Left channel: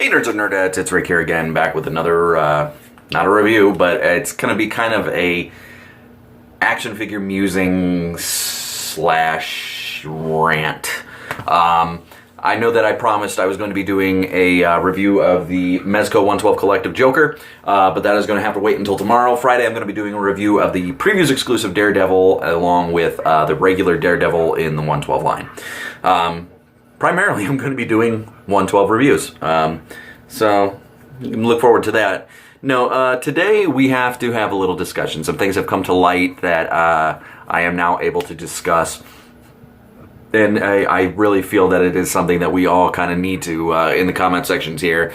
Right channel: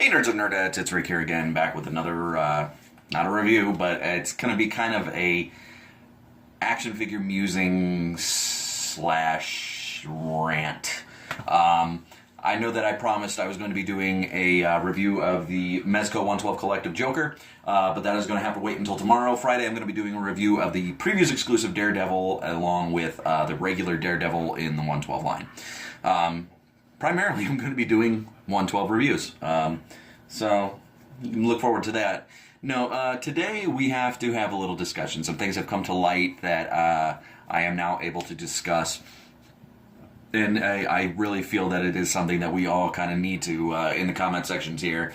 Hey nerds and nerdettes, it's Rick here again, back with another, not a review, but it's going to be kind of a action figure musing slash rant. I know that I promised I was going to be doing a review of the Mezco 112 Collective Joker, but that is going to have to wait until tomorrow. Friday I'm going to be doing a review of the previews exclusive Daredevil along with the regular Daredevil in the 112 line. Primarily, I'm going to be doing 112 reviews, so you can look forward to that. No, today we have to have a little discussion. Some things have come to light that I am now able to discuss, and I really feel that it is something that we all kind of need to, in the comment sections here,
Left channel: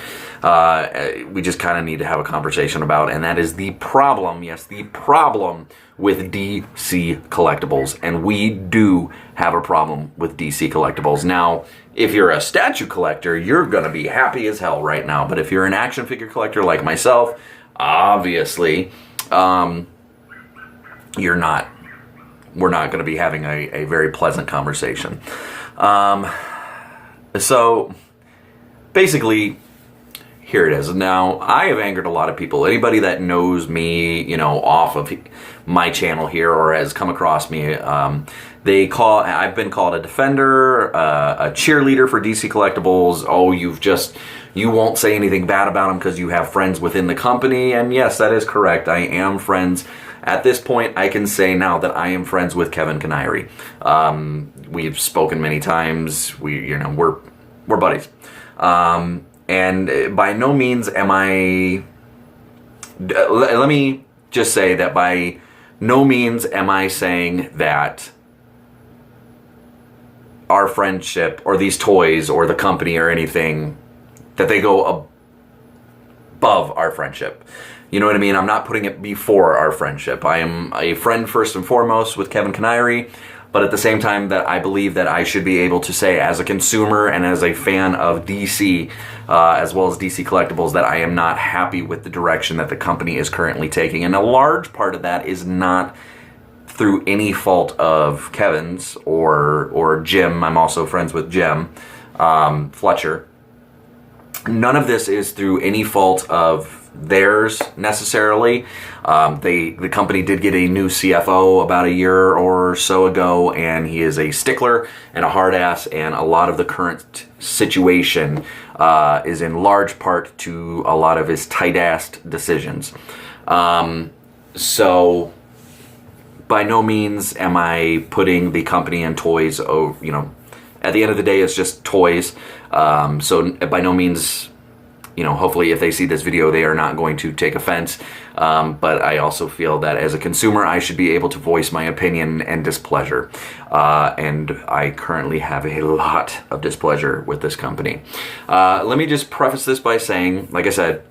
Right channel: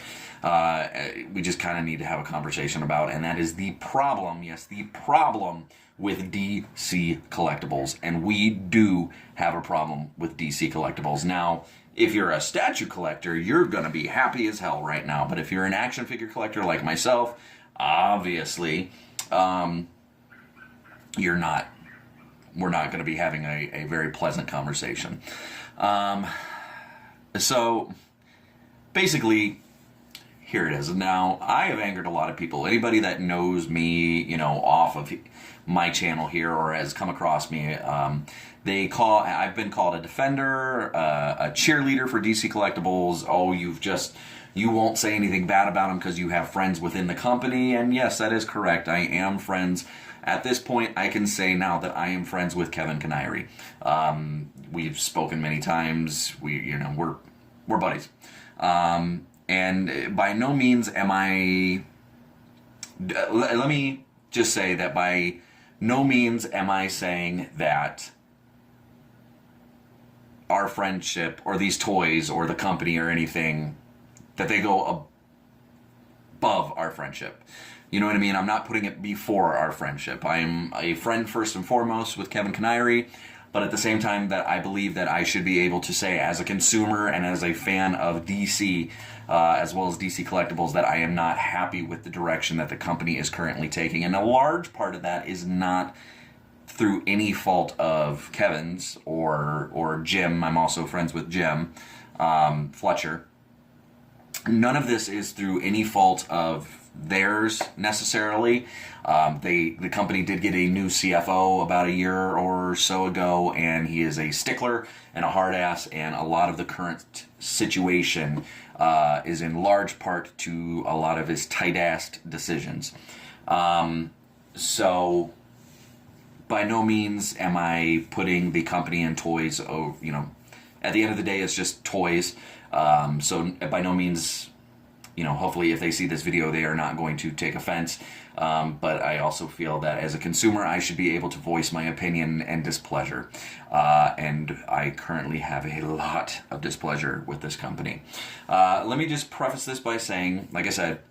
we just kind of need to have a conversation about, and that is the problem, yes, the problem with DC Collectibles, and we do have a problem with DC Collectibles. Now, if you're a statue collector, you're going to be happy as hell right now, but if you're an action figure collector like myself, obviously, you're not. We're not going to be having a very pleasant conversation. So, basically, here it is. Now, I have angered a lot of people. Anybody that knows me, you know, off of my channel here or has come across me, I've been called a defender, a cheerleader for DC Collectibles. Oh, you won't say anything bad about them because you have friends within the company. And yes, that is correct. I am friends. At this point, I can say now that I am friends with Kevin Canary. We've spoken many times. We're buddies. And by no means am I... Let me just say that by no means am I saying that our friendship or these toys or the company or anything, that they go above our friendship. You know what I mean? I'm not putting it before our friendship. I am a friend first and foremost with Kevin Canary, but at the same time that I believe that I should be able to say as a consumer and as a fan of DC, as well as DC Collectibles, that I am not happy with the direction that the company is currently taking. And a large part of that is not through any fault of Kevin's or Jim. I'm also friends with Jim Fletcher. None of this is through any fault of theirs necessarily. The company did get a new CFO about a year or so ago, and he is a stickler and a hard ass, and a lot of the current situation is in large part to a lot of his tight-assed decisions. So by no means am I putting the company and toys over, at the end of the day it's just toys. So by no means, hopefully if they see this video, they are not going to take offense. But I also feel that as a consumer, I should be able to voice my opinion and displeasure. And I currently have a lot of displeasure with this company. Let me just preface this by saying, like I said,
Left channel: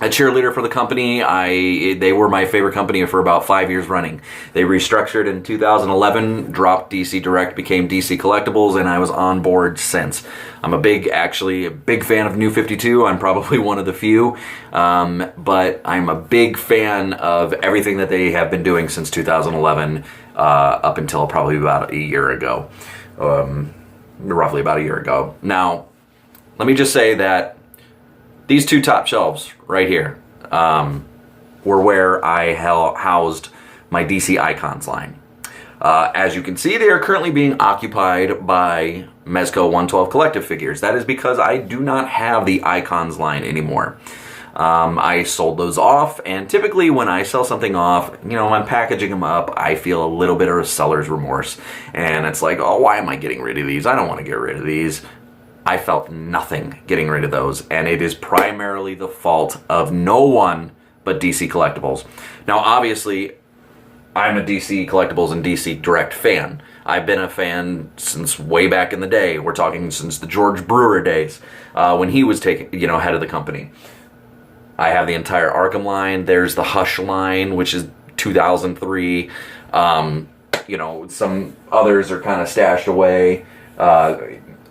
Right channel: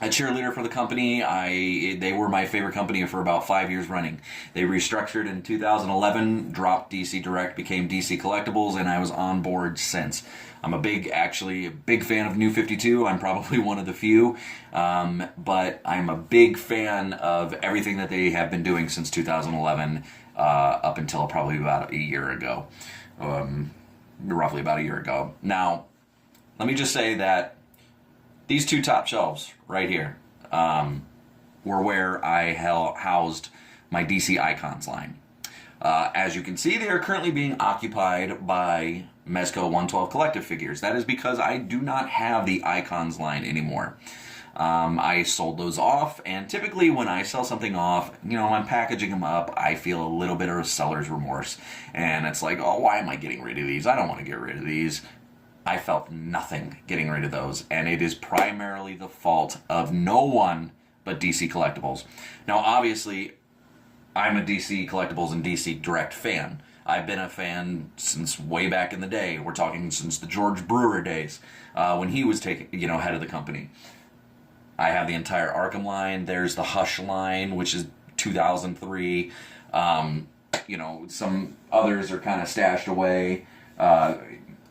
a cheerleader for the company. They were my favorite company for about 5 years running. They restructured in 2011, dropped DC Direct, became DC Collectibles, and I was on board since. I'm a big fan of New 52. I'm probably one of the few, but I'm a big fan of everything that they have been doing since 2011 up until probably about a year ago, roughly about a year ago. Now, let me just say that these two top shelves right here were where I housed my DC Icons line. As you can see, they are currently being occupied by Mezco 112 Collective figures. That is because I do not have the Icons line anymore. I sold those off, and typically when I sell something off, I'm packaging them up, I feel a little bit of a seller's remorse. And it's like, oh, why am I getting rid of these? I don't want to get rid of these. I felt nothing getting rid of those, and it is primarily the fault of no one but DC Collectibles. Now, obviously, I'm a DC Collectibles and DC Direct fan. I've been a fan since way back in the day. We're talking since the George Brewer days, when he was head of the company. I have the entire Arkham line. There's the Hush line, which is 2003. Some others are kind of stashed away.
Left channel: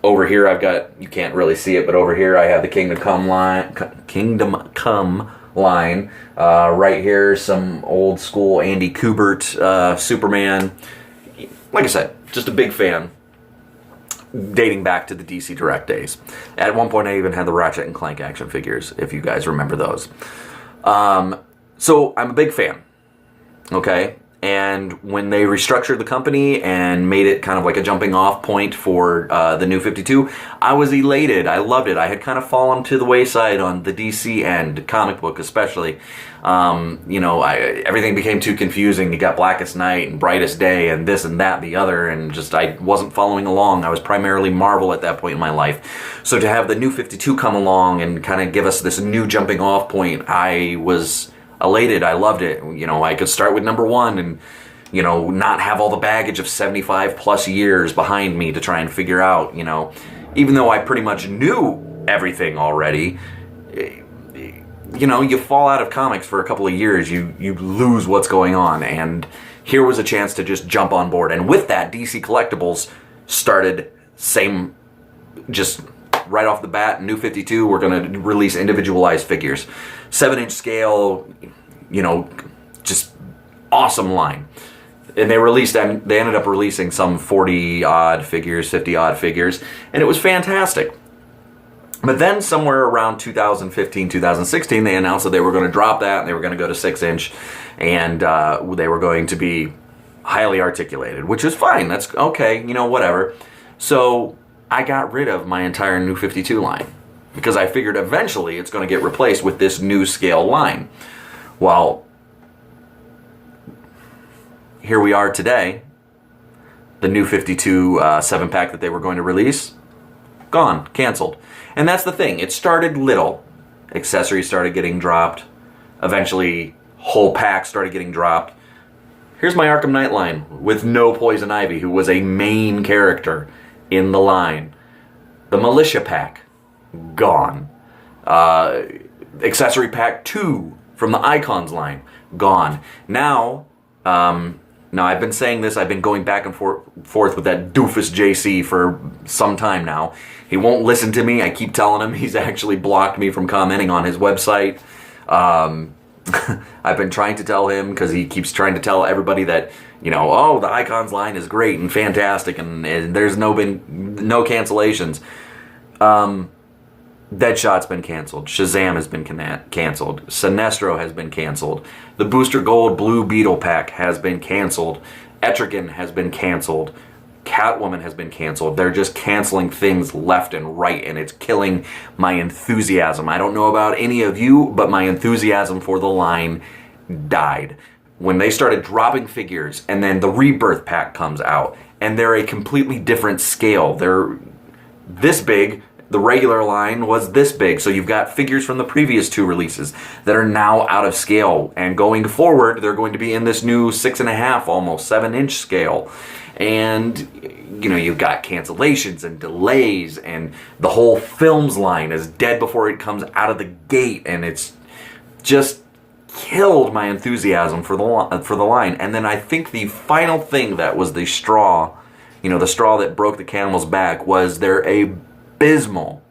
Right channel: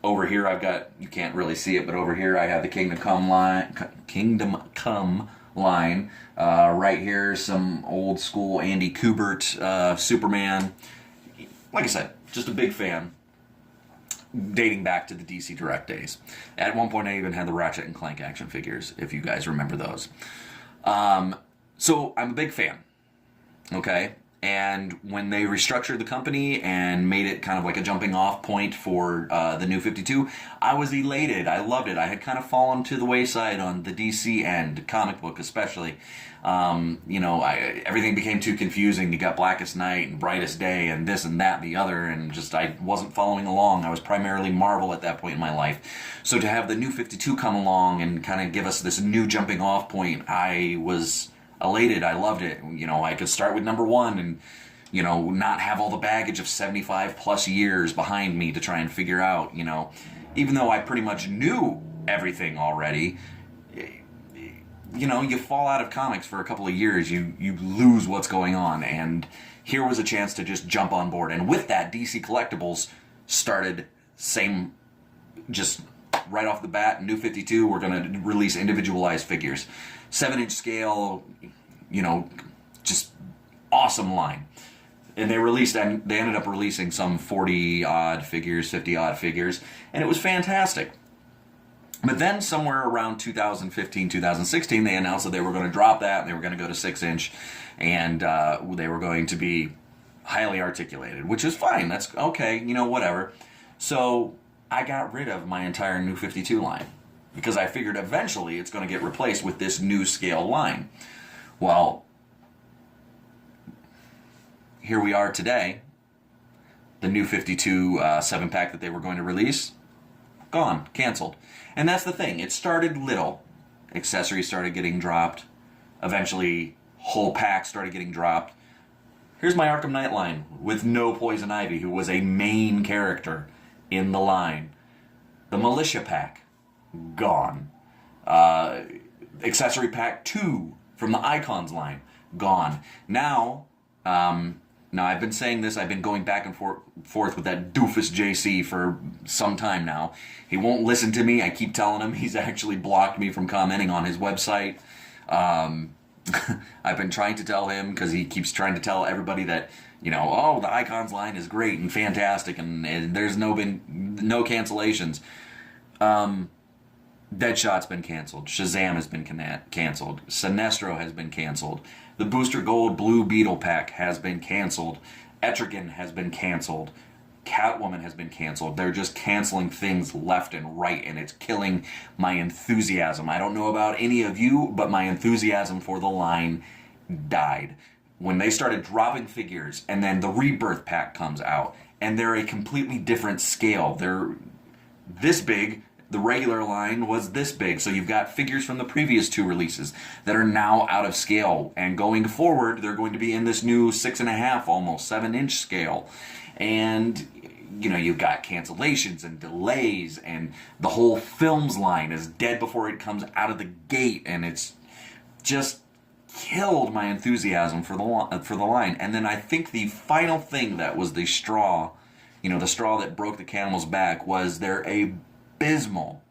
Over here I've got, you can't really see it, but over here I have the Kingdom Come line. Right here, some old school Andy Kubert Superman. Like I said, just a big fan. dating back to the DC Direct days. At one point, I even had the Ratchet and Clank action figures, if you guys remember those. So I'm a big fan, okay? And when they restructured the company and made it kind of like a jumping off point for the new 52, I was elated. I loved it. I had kind of fallen to the wayside on the DC end, comic book especially. Everything became too confusing. You got Blackest Night and Brightest Day and this and that and the other, and just I wasn't following along. I was primarily Marvel at that point in my life. So to have the new 52 come along and kind of give us this new jumping off point, I was elated. I loved it. I could start with number 1 and, not have all the baggage of 75 plus years behind me to try and figure out, even though I pretty much knew everything already, you fall out of comics for a couple of years, you lose what's going on. And here was a chance to just jump on board. And with that, DC Collectibles started just right off the bat, new 52, we're going to release individualized figures. 7-inch scale, just awesome line. And they ended up releasing some 40-odd figures, 50-odd figures, and it was fantastic. But then somewhere around 2015, 2016, they announced that they were going to drop that, and they were going to go to 6-inch, and they were going to be highly articulated, which is fine. That's okay, whatever. So I got rid of my entire new 52 line because I figured eventually it's going to get replaced with this new scale line. Well, here we are today. The new 52 7-pack that they were going to release, gone, canceled. And that's the thing. It started little. Accessories started getting dropped. Eventually, whole packs started getting dropped. Here's my Arkham Knight line with no Poison Ivy, who was a main character in the line. The Militia pack, gone. Accessory pack 2 from the Icons line, gone. Now I've been saying this, I've been going back and forth with that doofus JC for some time now. He won't listen to me. I keep telling him. He's actually blocked me from commenting on his website. I've been trying to tell him because he keeps trying to tell everybody that, the Icons line is great and fantastic and there's been no cancellations. Deadshot's been canceled. Shazam has been canceled. Sinestro has been canceled. The Booster Gold Blue Beetle pack has been canceled. Etrigan has been canceled. Catwoman has been canceled. They're just canceling things left and right, and it's killing my enthusiasm. I don't know about any of you, but my enthusiasm for the line died. When they started dropping figures, and then the Rebirth pack comes out, and they're a completely different scale. They're this big. The regular line was this big, so you've got figures from the previous 2 releases that are now out of scale, and going forward, they're going to be in this new 6.5, almost 7-inch scale. And, you've got cancellations and delays, and the whole films line is dead before it comes out of the gate, and it's just killed my enthusiasm for the line. And then I think the final thing that was the straw, the straw that broke the camel's back, was their abysmal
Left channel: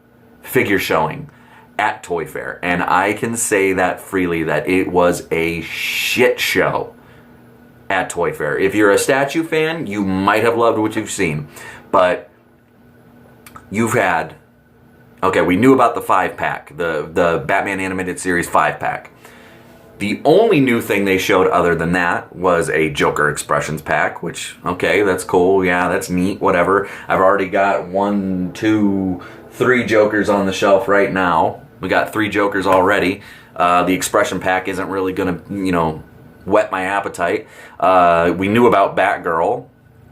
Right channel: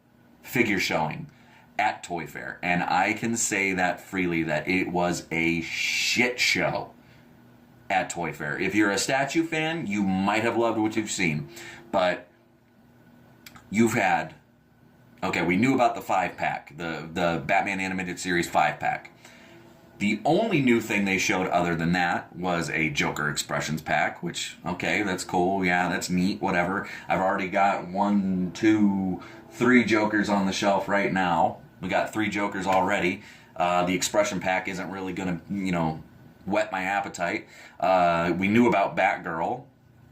figure showing at Toy Fair. And I can say that freely, that it was a shit show at Toy Fair. If you're a statue fan, you might have loved what you've seen. But you've had... Okay, we knew about the 5-pack, the Batman Animated Series 5-pack. The only new thing they showed other than that was a Joker Expressions pack, which, okay, that's cool, yeah, that's neat, whatever. I've already got 1, 2, 3 Jokers on the shelf right now. We got 3 Jokers already. The Expression pack isn't really going to, whet my appetite. We knew about Batgirl.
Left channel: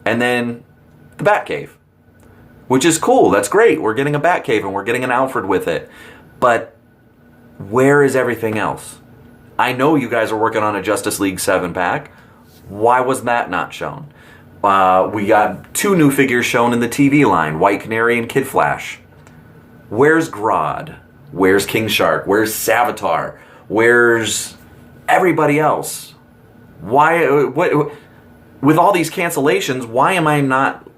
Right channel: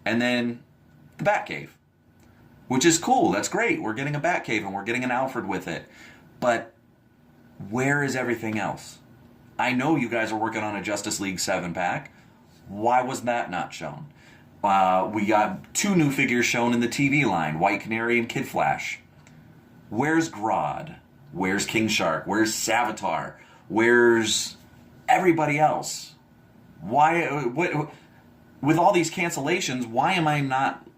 And then the Batcave, which is cool, that's great. We're getting a Batcave and we're getting an Alfred with it. But where is everything else? I know you guys are working on a Justice League 7-pack. Why was that not shown? We got 2 new figures shown in the TV line, White Canary and Kid Flash. Where's Grodd? Where's King Shark? Where's Savitar? Where's everybody else? Why? With all these cancellations, why am I not...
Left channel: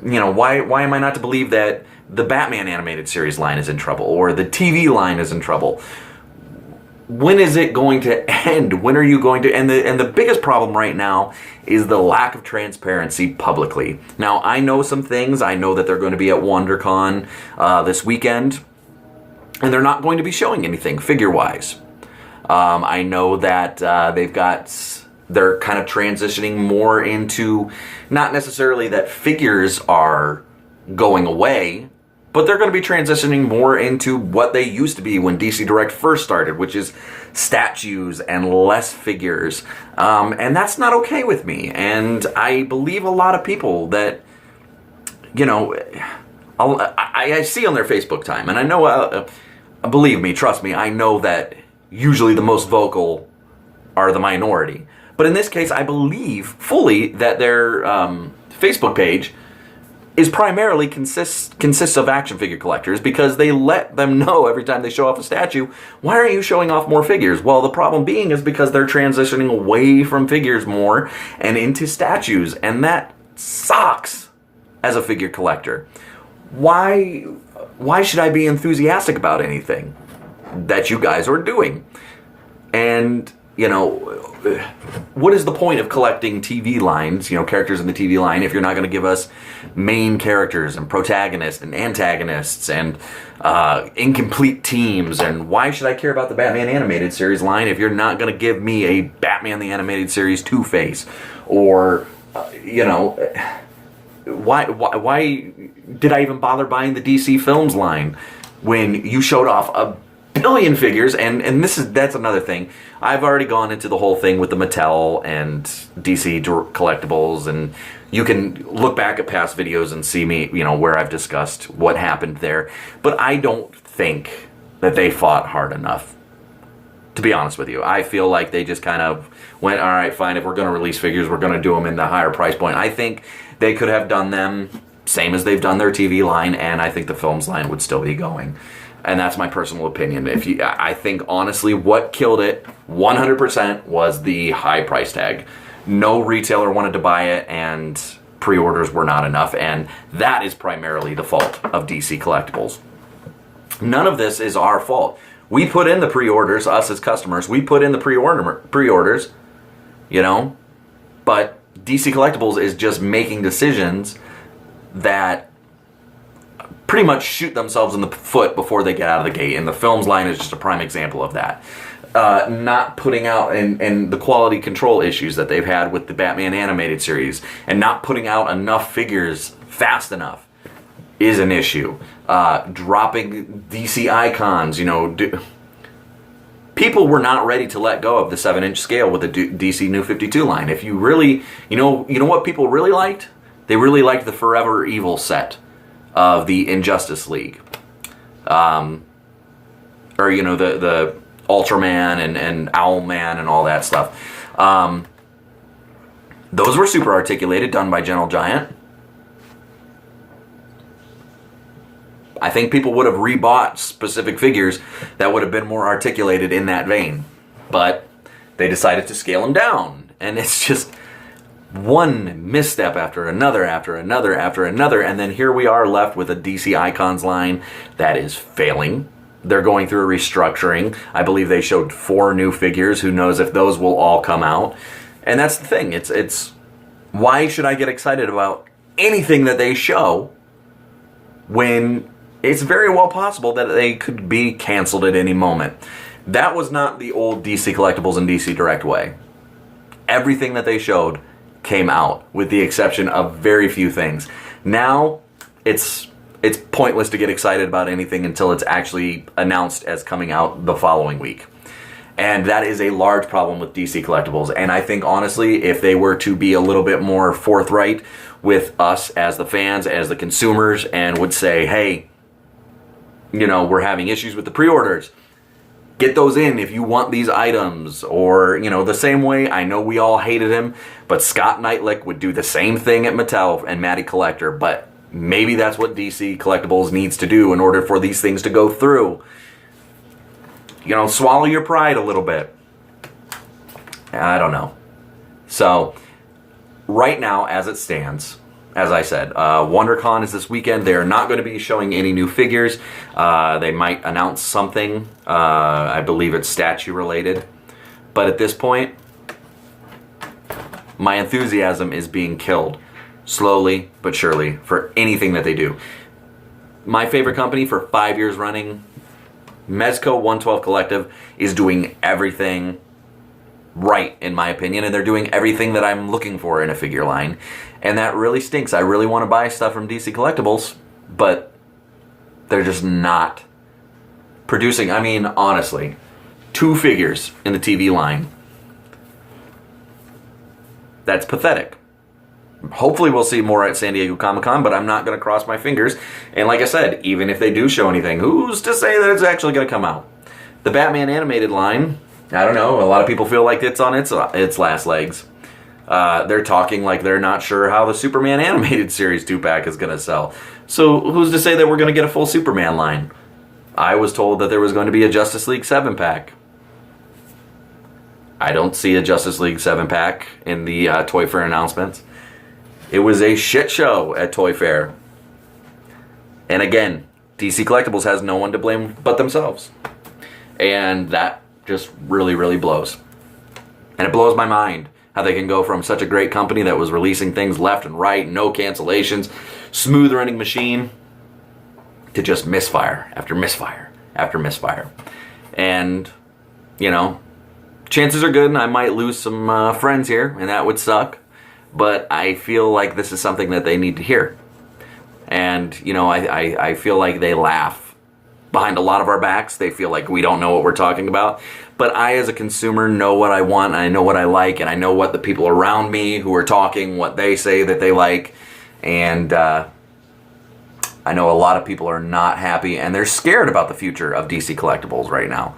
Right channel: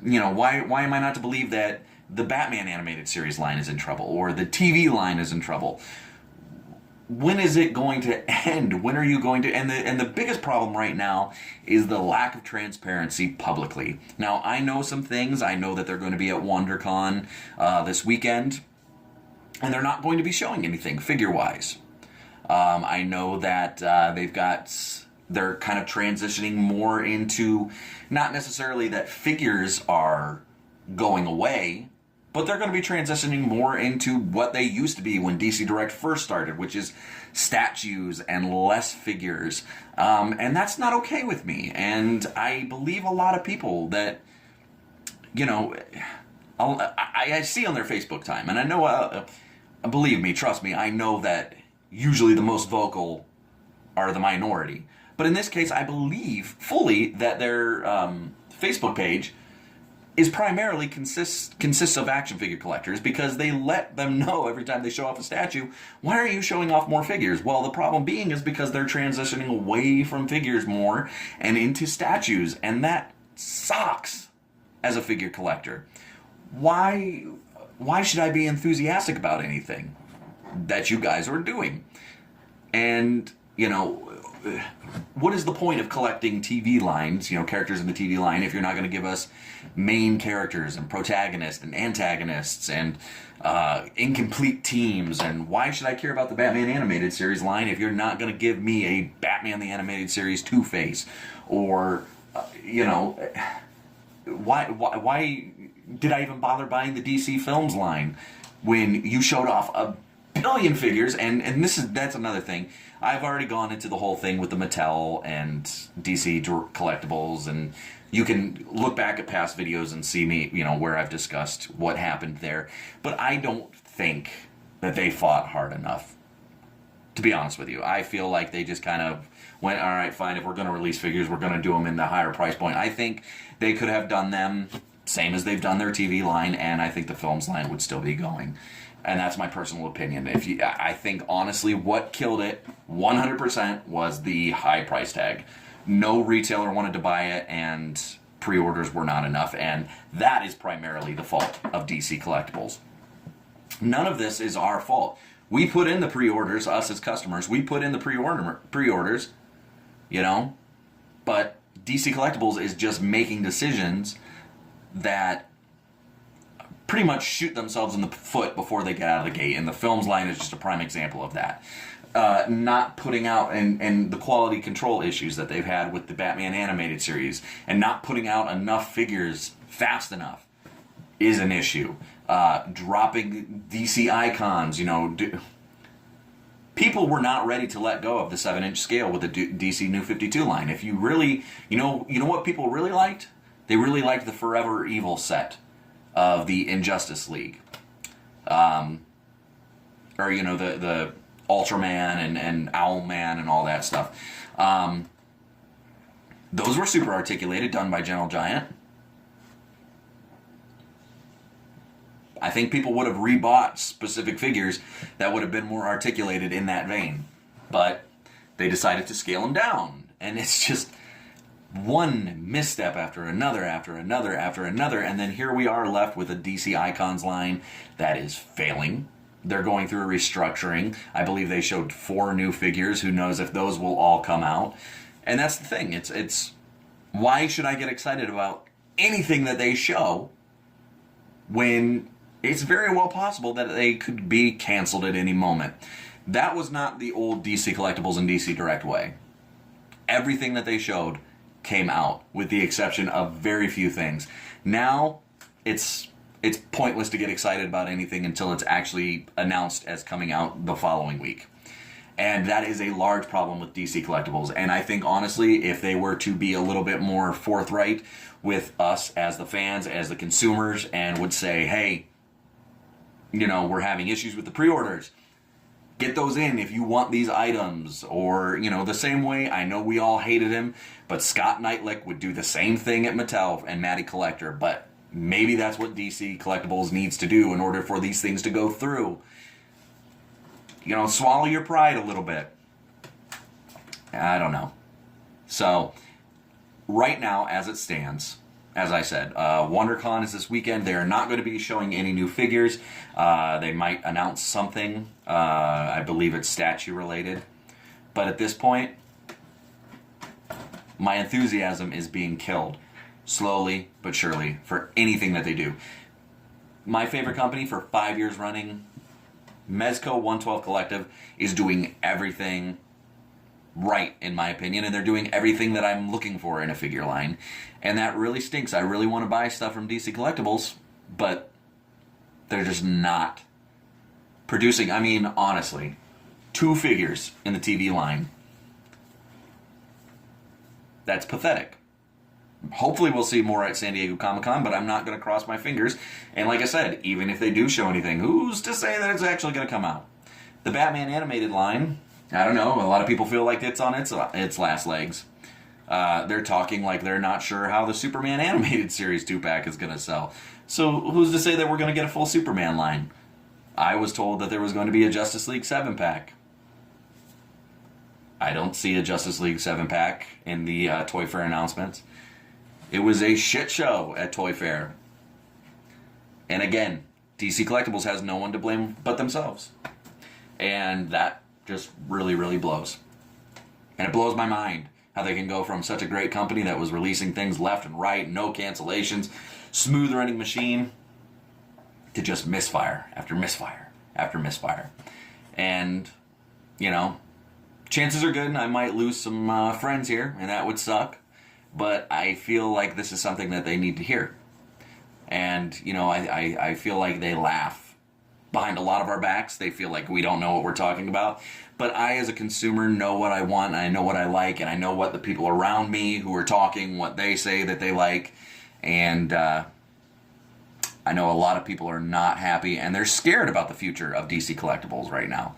why am I not to believe that the Batman Animated Series line is in trouble or the TV line is in trouble? when is it going to end? When are you going to? And the biggest problem right now is the lack of transparency publicly. Now, I know some things. I know that they're going to be at WonderCon this weekend, and they're not going to be showing anything figure-wise. I know that they're kind of transitioning more into, not necessarily that figures are going away, but they're going to be transitioning more into what they used to be when DC Direct first started, which is statues and less figures. And that's not okay with me. And I believe a lot of people that, you know, I see on their Facebook time, and I know, believe me, trust me, I know that usually the most vocal are the minority. But in this case, I believe fully that their Facebook page is primarily consists of action figure collectors, because they let them know every time they show off a statue, why aren't you showing off more figures? Well, the problem being is because they're transitioning away from figures more and into statues, and that sucks as a figure collector. Why should I be enthusiastic about anything that you guys are doing? And, you know, what is the point of collecting TV lines, you know, characters in the TV line, if you're not going to give us main characters and protagonists and antagonists and incomplete teams? And why should I care about the Batman Animated Series line if you're not going to give me a Batman the Animated Series Two-Face? Or, you know, why did I even bother buying the DC Films line when you showed off a billion figures? And that's another thing. I've already gone into the whole thing with the Mattel and DC Collectibles, and you can look back at past videos and see me, you know, where I've discussed what happened there. But I don't think that they fought hard enough, to be honest with you. I feel like they just kind of went, all right, fine, if we're going to release figures, we're going to do them in the higher price point. I think they could have done them same as they've done their TV line, and I think the films line would still be going. And that's my personal opinion. I think, honestly, what killed it 100% was the high price tag. No retailer wanted to buy it, and pre-orders were not enough. And that is primarily the fault of DC Collectibles. None of this is our fault. We put in the pre-orders, us as customers. We put in the pre-orders, you know. But DC Collectibles is just making decisions that pretty much shoot themselves in the foot before they get out of the gate. And the films line is just a prime example of that. Not putting out, and the quality control issues that they've had with the Batman Animated Series, and not putting out enough figures fast enough is an issue. Dropping DC icons, you know. People were not ready to let go of the 7-inch scale with the DC New 52 line. If you really, you know what people really liked? They really liked the Forever Evil set of the Injustice League, or you know, the Ultraman and Owlman and all that stuff. Those were super articulated, done by Gentle Giant. I think people would have rebought specific figures that would have been more articulated in that vein, but they decided to scale them down, and it's just one misstep after another, and then here we are left with a DC Icons line that is failing. They're going through a restructuring. I believe they showed 4 new figures. Who knows if those will all come out? And that's the thing. It's why should I get excited about anything that they show when it's very well possible that they could be canceled at any moment? That was not the old DC Collectibles and DC Direct way. Everything that they showed came out, with the exception of very few things. Now, it's pointless to get excited about anything until it's actually announced as coming out the following week. And that is a large problem with DC Collectibles. And I think, honestly, if they were to be a little bit more forthright with us as the fans, as the consumers, and would say, hey, you know, we're having issues with the pre-orders, get those in if you want these items. Or, you know, the same way, I know we all hated him, but Scott Knightlick would do the same thing at Mattel and Matty Collector. But maybe that's what DC Collectibles needs to do in order for these things to go through. You know, swallow your pride a little bit. I don't know. So, right now, as it stands, as I said, WonderCon is this weekend. They are not going to be showing any new figures. They might announce something. I believe it's statue related. But at this point, my enthusiasm is being killed slowly but surely for anything that they do. My favorite company for 5 years running, Mezco 112 Collective, is doing everything right, in my opinion, and they're doing everything that I'm looking for in a figure line, and that really stinks. I really want to buy stuff from DC Collectibles, but they're just not producing. I mean, honestly, 2 figures in the TV line. That's pathetic. Hopefully we'll see more at San Diego Comic-Con, but I'm not going to cross my fingers. And like I said, even if they do show anything, who's to say that it's actually going to come out? The Batman animated line, I don't know. A lot of people feel like it's on its last legs. They're talking like they're not sure how the Superman animated series 2-pack is going to sell. So who's to say that we're going to get a full Superman line? I was told that there was going to be a Justice League 7-pack. I don't see a Justice League 7-pack in the Toy Fair announcements. It was a shit show at Toy Fair. And again, DC Collectibles has no one to blame but themselves. And that just really, really blows. And it blows my mind how they can go from such a great company that was releasing things left and right, no cancellations, smooth running machine, to just misfire after misfire after misfire. And, you know, chances are good I might lose some friends here, and that would suck. But I feel like this is something that they need to hear. And, you know, I feel like they laugh behind a lot of our backs. They feel like we don't know what we're talking about. But I, as a consumer, know what I want, and I know what I like, and I know what the people around me who are talking, what they say that they like. And I know a lot of people are not happy, and they're scared about the future of DC Collectibles right now.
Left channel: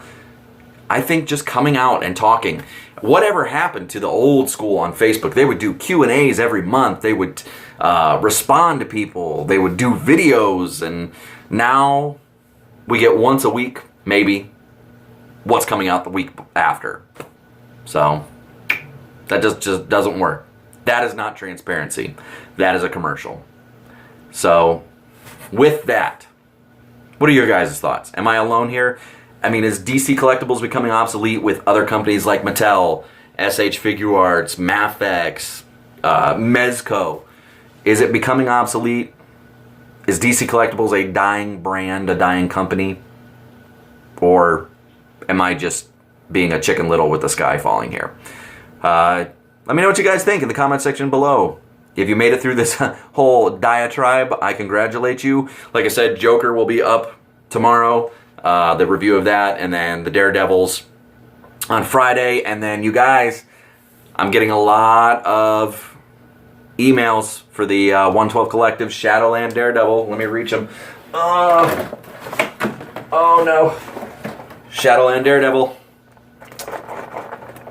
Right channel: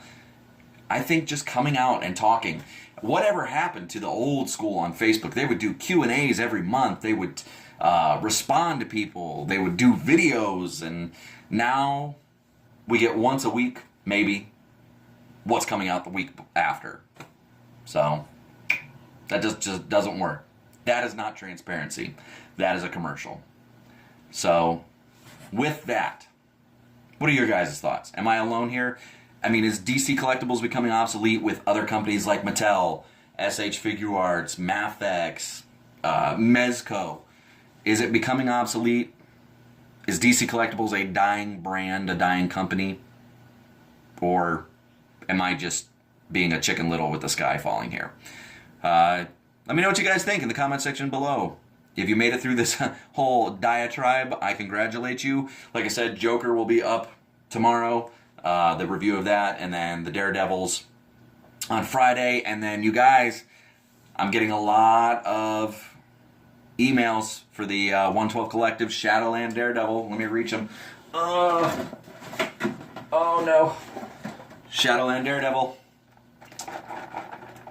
I think just coming out and talking, whatever happened to the old school on Facebook? They would do Q&As every month. They would respond to people. They would do videos. And now we get once a week, maybe, what's coming out the week after. So that just doesn't work. That is not transparency. That is a commercial. So with that, what are your guys' thoughts? Am I alone here? I mean, is DC Collectibles becoming obsolete with other companies like Mattel, SH Figure Arts, Mafex, Mezco? Is it becoming obsolete? Is DC Collectibles a dying brand, a dying company? Or am I just being a Chicken Little with the sky falling here? Let me know what you guys think in the comment section below. If you made it through this whole diatribe, I congratulate you. Like I said, Joker will be up tomorrow. The review of that, and then the Daredevils on Friday. And then you guys, I'm getting a lot of emails for the 112 Collective Shadowland Daredevil. Let me reach them. Oh no. Shadowland Daredevil.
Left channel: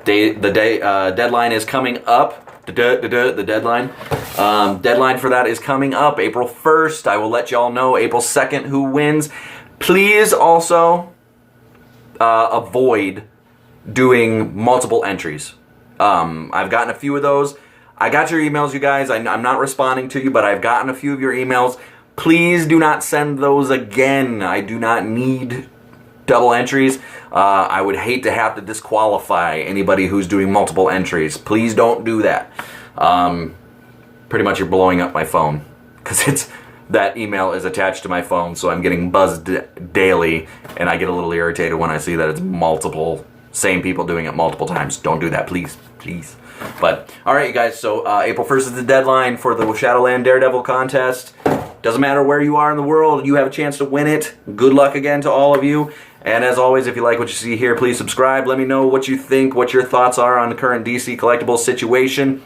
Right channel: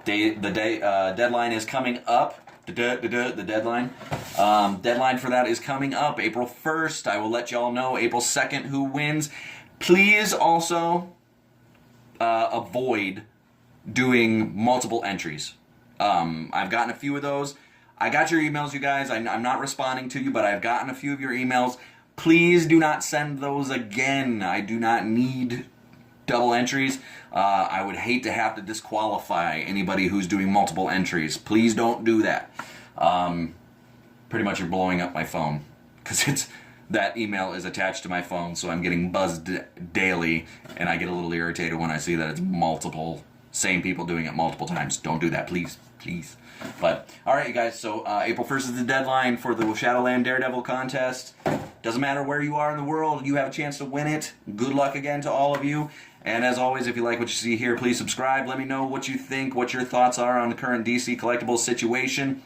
Deadline is coming up. The deadline. Deadline for that is coming up April 1st. I will let y'all know April 2nd who wins. Please also avoid doing multiple entries. I've gotten a few of those. I got your emails, you guys. I'm not responding to you, but I've gotten a few of your emails. Please do not send those again. I do not need double entries. I would hate to have to disqualify anybody who's doing multiple entries. Please don't do that. Pretty much you're blowing up my phone because that email is attached to my phone, so I'm getting buzzed daily, and I get a little irritated when I see that it's multiple, same people doing it multiple times. Don't do that, please, please. But, alright you guys, so April 1st is the deadline for the Shadowland Daredevil contest. Doesn't matter where you are in the world, you have a chance to win it. Good luck again to all of you. And as always, if you like what you see here, please subscribe. Let me know what you think, what your thoughts are on the current DC Collectibles situation.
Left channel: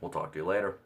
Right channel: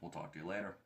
We'll talk to you later.